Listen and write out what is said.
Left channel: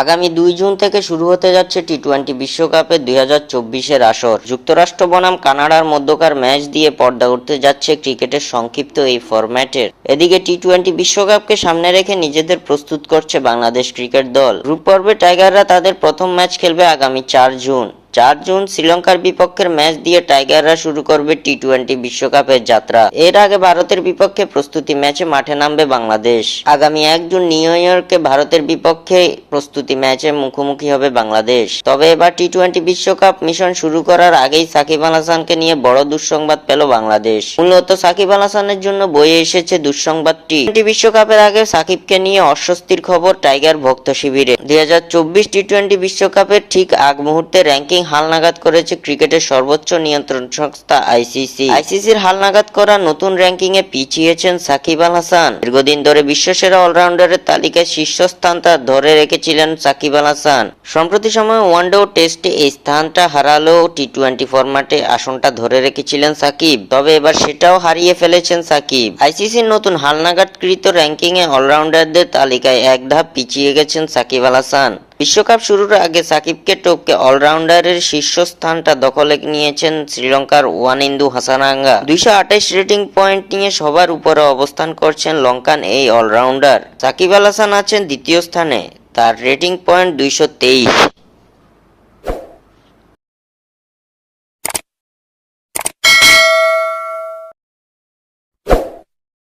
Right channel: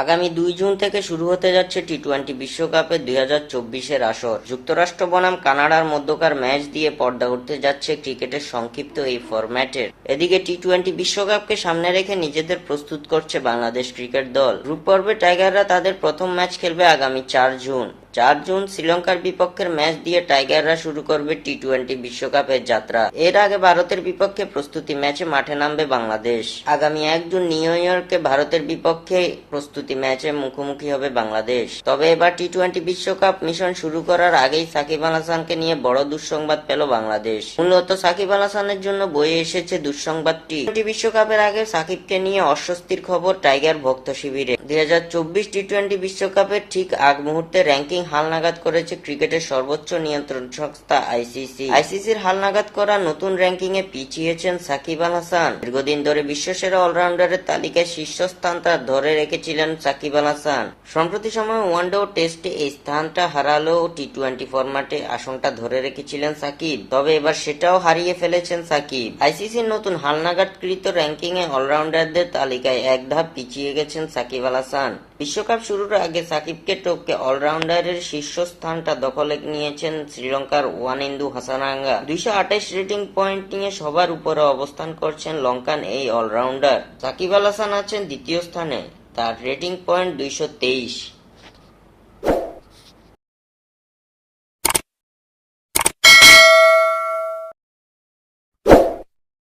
আগামী 2 জুন থেকে শুরু হতে যাচ্ছে টি-20 বিশ্বকাপের 2024-এর আসর। যুক্তরাষ্ট্র বনাম কানাডার মধ্যকার ম্যাচ দিয়ে পর্দা উঠতে যাচ্ছে ক্রিকেটের সংক্ষিপ্ত এই ফরম্যাটের। এদিকে টি-20 বিশ্বকাপকে সামনে রেখে নিজেদের প্রস্তুত করছে বাংলাদেশ ক্রিকেট দল। গ্রুপ পর্বে টাইগাররা তাদের প্রথম ম্যাচ খেলবে আগামী 4 জুন শ্রীলঙ্কার বিপক্ষের ম্যাচ দিয়ে টাইগাররা শুরু করবে টি-20 বিশ্বকাপের যাত্রা। এর আগে ভারতের বিপক্ষে প্রস্তুতি ম্যাচে মাঠে নামবে বাংলাদেশ। আগামী 1 জুন নিউ ইয়র্কে ভারতের বিপক্ষে প্রস্তুতি ম্যাচে মুখোমুখি হবে বাংলাদেশ। তবে এবার টি-20 বিশ্বকাপ মিশন শুরু করার আগেই সাকিব আল হাসানকে নিয়ে বড় দুঃসংবাদ পেল বাংলাদেশ। মূলত সাকিব আল হাসানের জন্য বয়ে এসেছে দুঃসংবাদটি। টি-20 বিশ্বকাপের আগে সাকিবকে নিয়ে অস্বস্তির খবর টাইগার ভক্ত শিবিরে। 2024 টি-20 বিশ্বকাপের ঠিক আগ মুহূর্তে র্যাঙ্কিং হালনাগাদ করেছে ক্রিকেটের সর্বোচ্চ নিয়ন্ত্রণ সংস্থা আইসিসি। আইসিসির হালনাগাদ করা নতুন র্যাঙ্কিংয়ে পিছিয়েছেন সাকিব আল হাসান। দীর্ঘদিন ধরে বিশ্বসেরা অলরাউন্ডারের তালিকায় শীর্ষস্থানটা ধরে রেখেছিলেন সাকিব আল হাসান। সম্প্রতি সময়ে ওয়ানডে ও টেস্টে এই স্থানটা হারালেও টি-20 ফরম্যাটে আসনটা ধরে রেখেছিলেন সাকিব। তবে এবার সেটাও হারিয়ে ফেলেছেন সাকিব। আইসিসির নতুন হালনাগাদকৃত র্যাঙ্কিংয়ে অলরাউন্ডারদের তালিকায় এক ধাপ পিছিয়ে গেছেন সাকিব আল হাসান। বিশ্বকাপ শুরুর আগে সাকিবকে টপকে অলরাউন্ডারের শীর্ষস্থানটা দখলে নিয়েছেন শ্রীলঙ্কার ওয়ানিন্দু হাসানাঙ্গা। 228 রেটিং পয়েন্ট নিয়ে সবার উপরে অবস্থান করছেন লঙ্কান এই অলরাউন্ডার। সাকিব আল হাসান আছেন দ্বিতীয় স্থানে, তার রেটিং পয়েন্ট 223।